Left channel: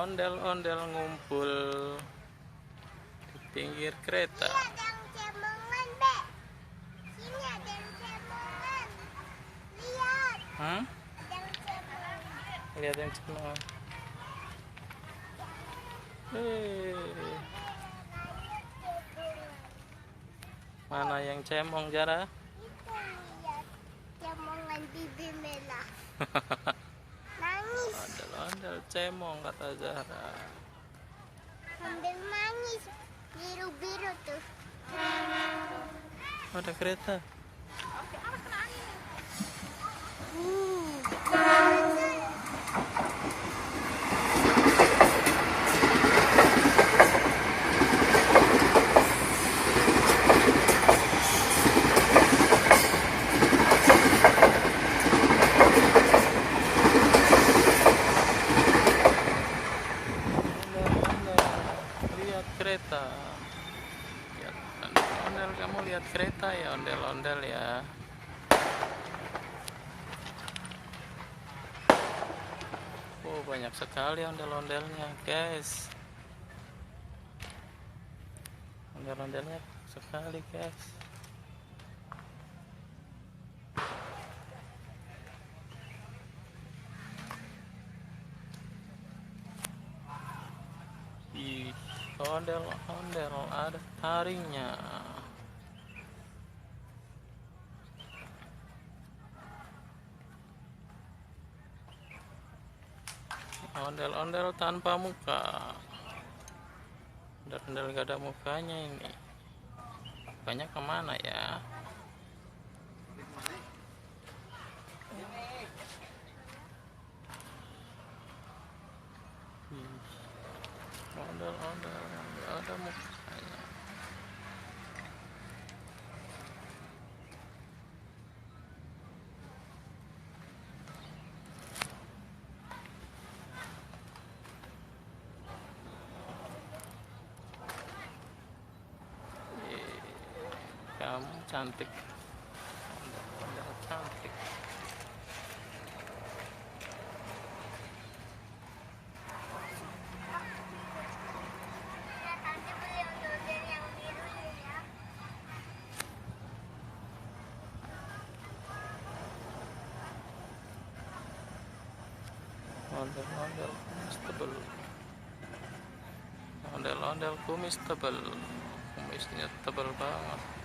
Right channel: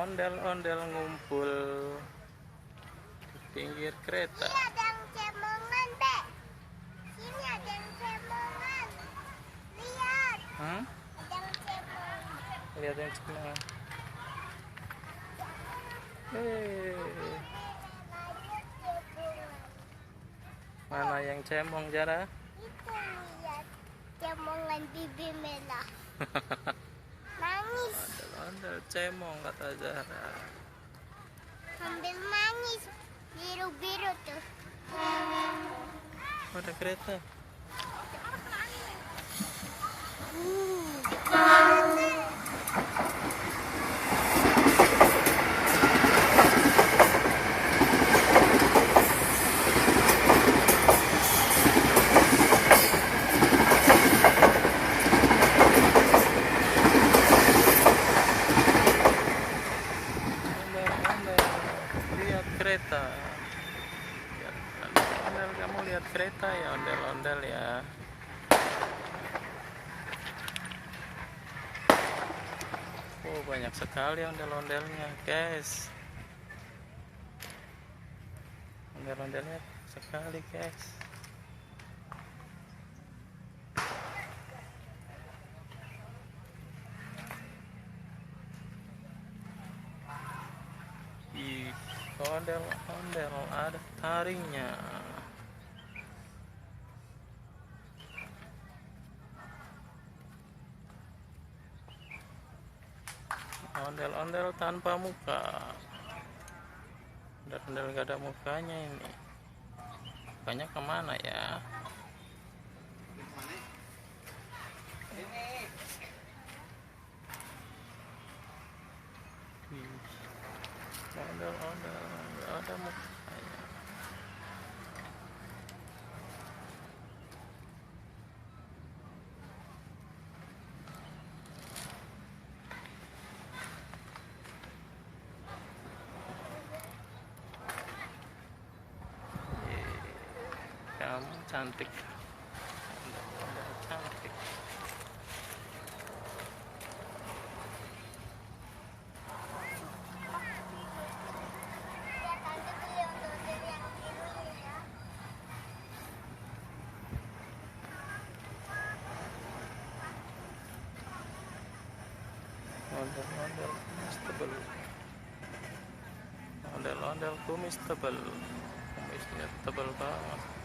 ondel-ondel ngumpul di pinggir kereta. Ini ada yang cemongan, Be. Sini ada yang cemongan. Lihat. Hah? Ada yang cemong. Lihat yang cemong. Mana yang cemong, Zara? Itu lihat cemongan bibi merah. Manis. Ondel-ondel cemong, kata Zara. Sambil manis. Biru-biru tuh. Ada kereta. Lihat kereta. Lihat ondel-ondel, kamu lihat kereta ya, ondel-ondel ya. Oh, banyak sekali ondel-ondelnya, guys. Ondel-ondelnya sekali, guys. Ih, ondel-ondel ada taringnya. Ondel-ondel tanpa muka. Ondel-ondel gak ada mukanya ini. Mukanya kemana ya? Ondel-ondel gak ada mukanya. Kamu cantik. Ondel-ondel cantik. Ondel-ondel kumis tebel. Ondel-ondel kumis tebel. Kumisnya tebel banget.